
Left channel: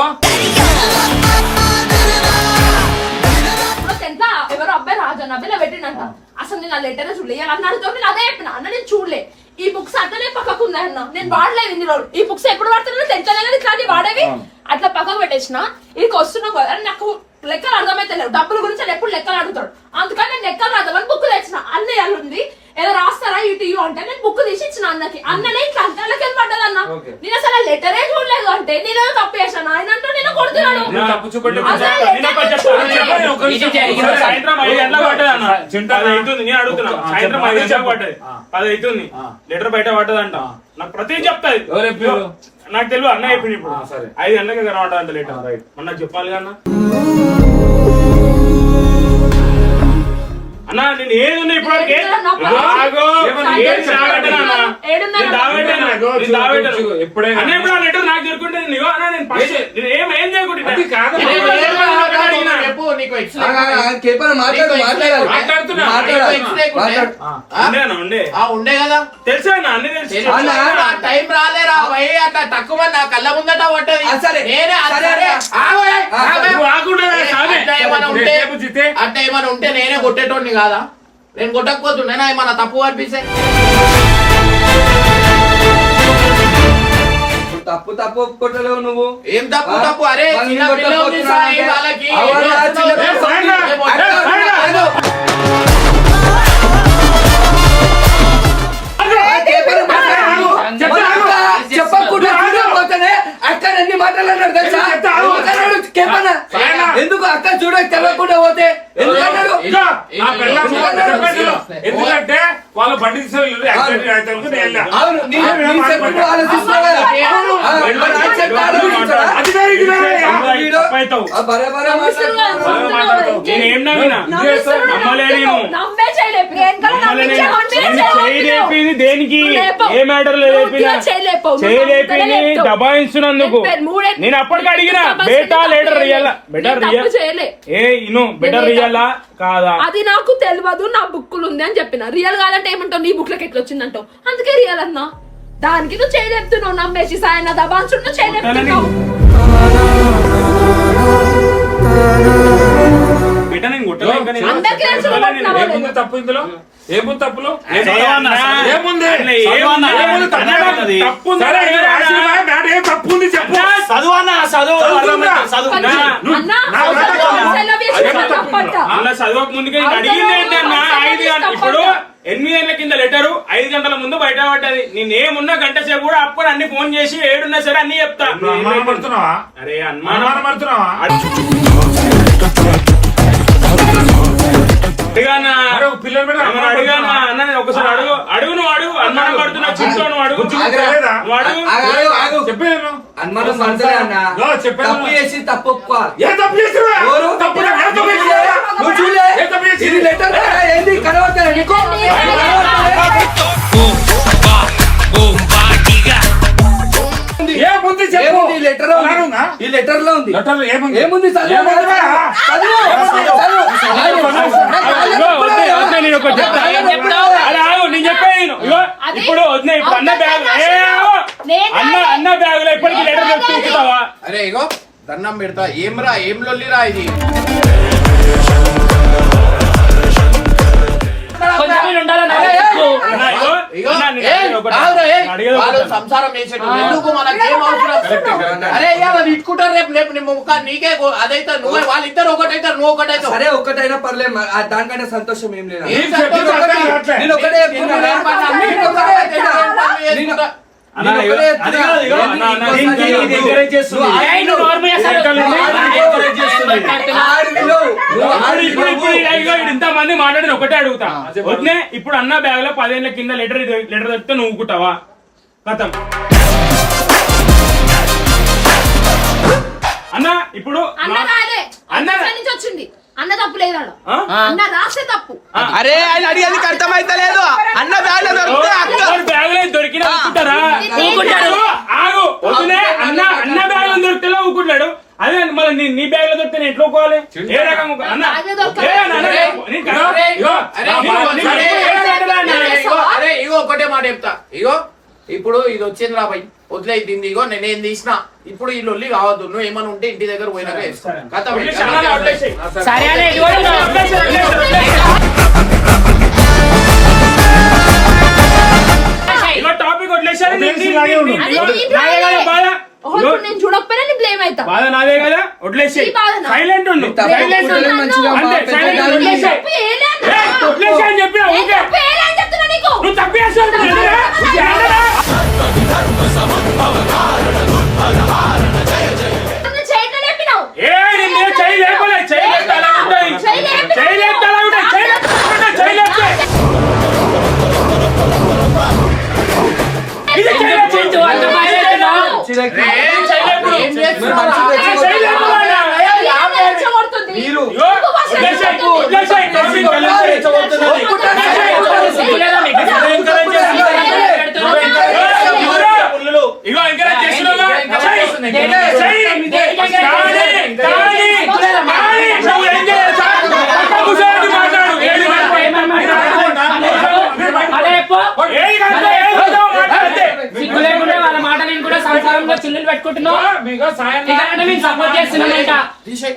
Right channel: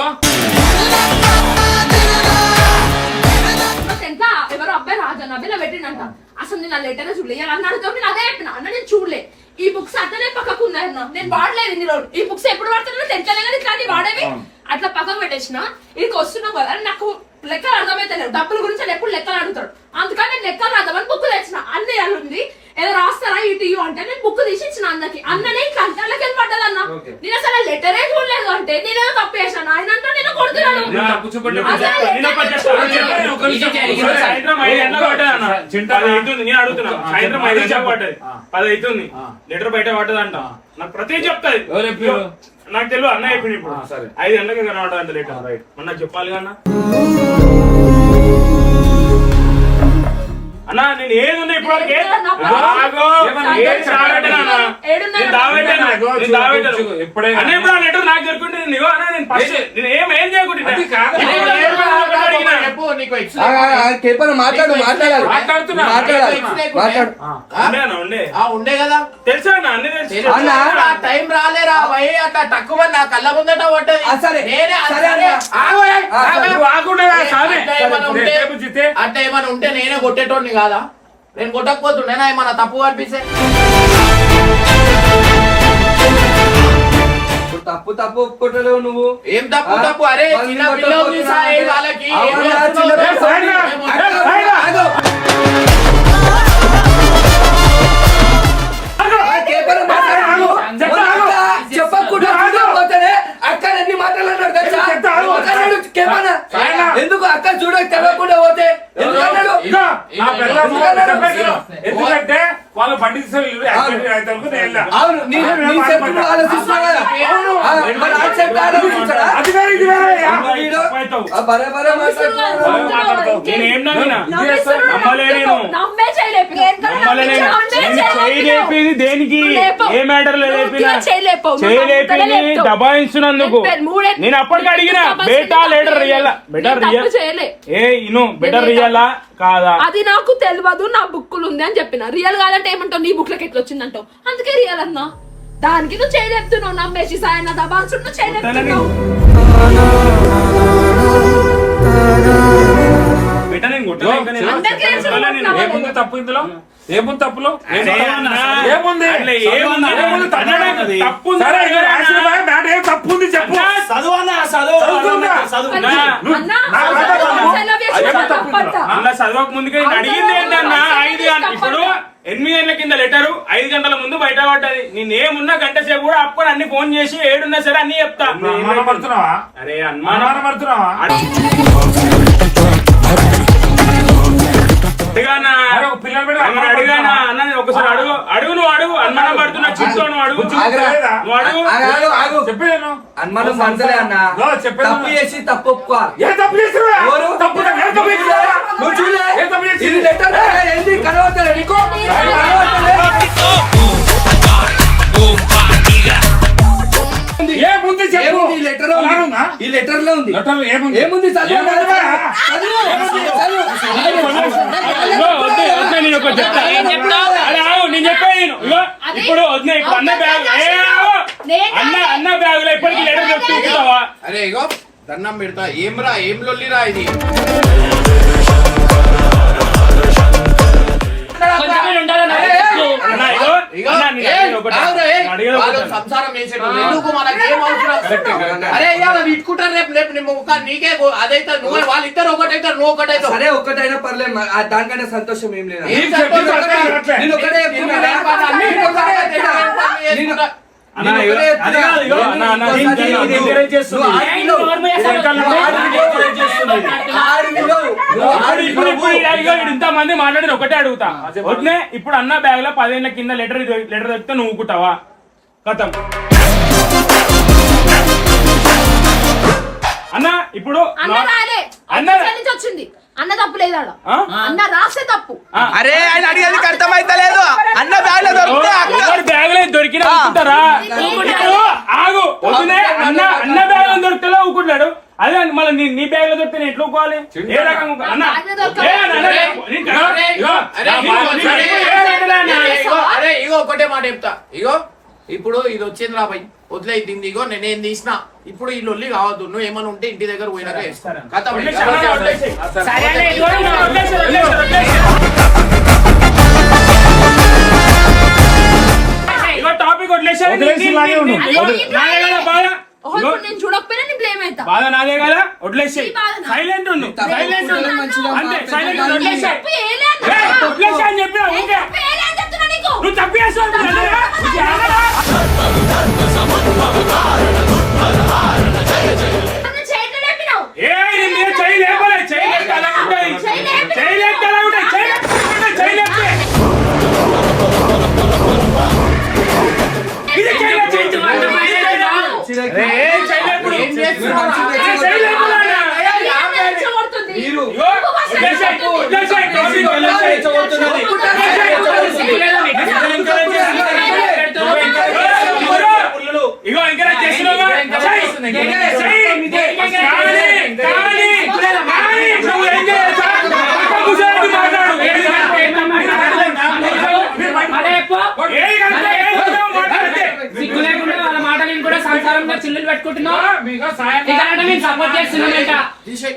ఎంత ఎవరో అబ్బాయి రాజా అబ్బాయిలో పెట్టిండంట. అసలు నేను ఆ లెటర్ చూడలే అన్నాడు. నేను అదే చెప్పిన అన్న, నేను చూడలే. ఈ బుక్స్ అట్లనే పక్కకు ఉన్నాయన్న. నేను వాడలేదు ఇన్ని రోజులు. ఈ బుక్స్ ఎప్పుడు వాడుతున్నా తెంచలేదు. ఇట్లాంటివి వాడేవి అట్లా పక్కకు పెట్టేసిన. ఇదికి వస్తున్నావు కదా, నాకు లెక్కలు అర్థమైతే లేవు. డబ్బుల గురించి ఆయన ఎప్పుడు లెక్కలు అడుగుతాడు. అందుకని నేను లెక్కలు రాద్దామని బుక్ తెచ్చిన. అన్న వాళ్ళు ఉంది ఏదో రాస్తారా ఇటు అంటే నేను బుక్ తీసి ఇచ్చిన అన్నకి. అన్ననే ఇట్లా అంటే పడ్డది అన్న. నేను అసలు లెటరే చూడలేదు అంటే నేనేదో తప్పు చేశాను. ఆయన అంటే నేను కొడుతున్నాను. నేను తప్పు చూపెట్టి నేను ఒకటి చెప్తాను. ఒక నిమిషం. ఒకసారి సాయంత్రం 5 గంటలకు పడ్డది అన్న. 10 అవుతుంది. నేను అడుగుతున్నా. సాయంత్రం 5 గంటలకు పడ్డది. 10 అవుతుంది. లెటర్ బయట పడ్డదంట. నాకు ప్రతి చెప్తాది. ఎవరు చెప్పారు? నాకు తెలియదు. అన్న చెప్పింది ఇప్పుడు. సరే 5 గంటలకి కనబడ్డదంట లెటర్. రైట్. మొన్న చెప్పాలి కన్నా అన్నా. నేను ఏది ఉన్నా ఇప్పుడు వరకు ఏది ఎప్పుడైనా అన్న ఇప్పుడు ఆ లెటర్ నాకు దొరుకుంటే నేను ఏం చేయకుండా చెప్పు, నీకు ఎక్స్ పేపర్ మాట్లాడాలి. మాట్లాడుతున్నా. ఉండే ఉండే కదా తెలుసా అన్న? అన్ని తెలుసు. టైం రాలేరా భయ్, అట్లా తక్కువ నా కళ్ళ ముందట పడ్డది. సరే. నేనే సరే. అంటే ఏమైనా ఉంటే నేనే కొట్టేటోడిని కాదా? నేను కొట్టకపోతుండేనా ఏమన్నా తప్పు అనిపిస్తే? తప్పు తప్పు ఒప్పుకోవట్లేవు నువ్వు. ఏం తప్పు తప్పు? అరే చిన్న పిల్ల ఉంది సాయి, వాళ్ళకి చెప్పకుండా పోతేనే అక్కడ ఎన్ని మాటలు అన్నాడు తెలుసా? ఎందుకు అక్క చూడక తెలియకుండా పోతే ఎందుకన్నాడు? ఎందుకంటే వాళ్ళు బండి తీసుకెళ్ళి అవును, నీ చెప్పు ఆలోచిస్తున్నావు కదా. మరి ఆయన చెప్పి ఆలోచించాడా? బరాబరా మాట్లాడుతున్నావు. నేనేం నమ్మినా నమ్మే చేయలేపు. చేయలేపింది దేనికి? ఏ మ్యాటర్ లో చేయలేపింది దబాయిస్తున్నందుకు. నేను అప్పటికి అడిగిన బేటా letter real better real better రియలా కాదా? అది నాకు తెలియదు. నా బుక్కులు ఉంది అని చెప్పిన. రియల్ కాదంటే ఏమంటావు? నీ బుక్ లకి ఎట్లా వచ్చిందంటావు. అందుకే రియల్ అన్నా. దానికి నువ్వు చేయలేపుతున్నావు. నమ్మేసి సాయన దబాన్సు నువ్వు చేయలేపుతున్నావు. బెటర్ నేను కొట్టలే. అందరికీ తెలుసు నువ్వు కొట్టినావని. తప్పు ఇందులో ఏముంది తప్పులో అరే అన్నా, ఏముంది అట్లా ఏముంది? ఏముంది? అన్నా, తప్పు ఉందా? సరే, ఇది రాసిన మ్యాటర్ ఏం తప్పు ఉంది చెప్పు. చదువు అన్న చదువు చదువుతుందా? చదువు అన్నా, నా మాట కాదు. అలా చదవక ముందుగా నేను అడిగింది ఏంటన్నా 5 గంటలు ఇప్పుడు 8 గంటల కింద లెటరు 5 గంటల ముందు బయట పడ్డది. నేనేమున్నా గంట సేపు కూడా అప్పుడు అన్ని ఫోన్ చేసి ఏడున్నా సరే అన్ని చెప్తా. నువ్వు అనుమానపడుతున్నావా? అరే అనుమానం అనుమానపడుతున్నావా? అడిగానా అరే, ఒక పిల్లల మీద ఏమన్నా అడిగానా అన్న నేను ఒకసారి అడుగు నువ్వు అడుగు అనుమానం పడుతున్నా చింతో నువ్వు అడుగు ఆగురా. నువ్వు అడుగు ఆగు. చెప్పేను అనుమానం పడతలే అన్న. ఓ, చెప్పేది తప్పు చేసి తప్పు ఒప్పుకో. ఏ తప్పు చేసినా ఎవరు? తప్పు ఏ తప్పు చేసినా? నువ్వు చూడలే? ఏ తప్పు చేసినా? ఇది లెటర్ కదా, ఏంది కనబడతలే నీకు? కనబడతలే? ఏముంది చెప్పు. ఏముంది ఈ లెటర్ లో ఉంది? అలానుందా? ఈ లెటర్ లో ఉంది. లెటర్ ఏముంది? ఏముంది చదువు. ఏముంది? చదువు. ఇగో వద్దే నేను ఒకటి చెప్తా. అరే ఆగు నేను చెప్పేది విను. ఇగో ఇప్పుడు వద్దే ఇప్పుడు అన్న బ్యాగ్ అన్న బ్యాగ్ లో ఇప్పటికి లెటర్ చెప్తావా? అరే ఇగో దండం పెడతా. ఏం లొల్లిరా ఇది? కొంచెం ఉండాలన్న అన్న, ఇగో అన్న, నేను అడిగేది ఒకటే. నేను అడిగేది వాళ్ళు ఒకటే. సంసారం చేసేటోళ్ళు ఎందుకు మనకి ఏం అవసరం? అరే ఇవాళ ఇట్టుకుంటారు, రేపు నీ ముఖం నీకే అదైతే నువ్వు వాళ్ళిద్దరు ఒకటైతారు, నువ్వు ఒకటైతావు. సరే ఒక్కటైనా పర్లేదు, దానికన్నా సంతోషం ఏం లేదు. ఏం చెప్పేది అర్థం కావట్లే. నేను ఒకటే చెప్తున్నా. నేను ఒకటే చెప్తున్నా. నేను- అన్న, నేను ఇగో, ఒకటే అది చెప్తున్నా. కాదు, ఇగో, ఏంది అన్న, అన్న, ఇంకోసారి దీనికి ఇది encourage చేస్తుంది. నువ్వు ఏయ్, నువ్వు నోర్ము చేస్తావు. ఆడిలో నువ్వు ఇప్పుడు ఇంత మంది మాట్లాడిన ఒకటే అడుగుతా. వద్దే ఇప్పుడు అన్న బ్యాగ్ లో 10 ఏళ్ల కింద లెటర్ దొరికితే నువ్వు ఊకుంటావా? కథం అన్న ఇప్పుడు అన్న రాలే అన్న అన్న నుంచి వచ్చింది. అన్న తప్పు లేదు ఆడ. అన్న రాసే తప్పు. అరే ఆయన అడిగేది అర్థమైతలేదు. అన్న బ్యాగ్ లో దొరికితే అక్క బ్యాగ్ లో దొరికినా ఊకుంటారా? ఆగు వద్దునే అన్న బ్యాగ్ లో దొరికితే ఊకుంటాడు. అదే మళ్ళీ నీ బ్యాగ్ లో దొరికితే నేను ఎట్లా ఊకోవాలి? ఏ రకం అన్న అరే ఇగో ఒకటే మాట చెప్తా. ఇగో ఇప్పుడు ఇది వచ్చింది రాబాయ్, వదిలేయింది. ఇగో నేనేం తీసిన ఇప్పుడు ఈ లొల్లి కావద్దు. నువ్వు ఏమైనా ఉంటే ఇంటి దగ్గర పోయినాక కథ సరే అన్న, ఇదిగో ఇగో టాపిక్ వదిలేసారు. ఓహో, ఇప్పుడు నేను చూడకపోయినా నీ బ్లేమ్ అవుతా. బాధ నాదే కదా, వదిలేసి ఈ బాధ నాదే. సైలెంట్ ఉండు. సైలెంట్ ఉండు. మంచిగా అంతే, silent ఉండు. నేను తప్పు చేయలే అన్న. వదిలేసి అని చెప్పినా నేను ఓకే. తప్పు చేయలే అని చెప్తున్నా నీకు. నువ్వు తప్పు చేస్తావు. నేను చేయట్లే చెప్పినావు. ఏ నేను చెయ్యి లేపలే. చెయ్యి లేపితే అలా ఉంటాయి. చెయ్యి లేపితే అలా ఉంటాయి. చెయ్యి లేపితే చెయ్యి లేపితే ఇది చెయ్యి లేపు. ఏం చేయలేపు. ఏం చేస్తున్నావు? చెయ్యి లేపు నాన్న. రెచ్చగొడుతుంది. మీరు ఇగో, వదిలేసేయ్. వదిలేసేయ్. ఇగో ఎంకరేజ్ చేస్తున్నావా? నువ్వు ఏం చేయాలి సార్? పక్క కూర్చోబెట్టి మాట్లాడు. ఏది సిగ్గు లేకుండా వాళ్ళ మాటలు కూడా సంసారంలో చిల్లులు పెట్టుకుంటున్నావు. మీకు సాయం ఇక మేము సపోర్ట్ చేస్తున్నాం. తీసేయ్.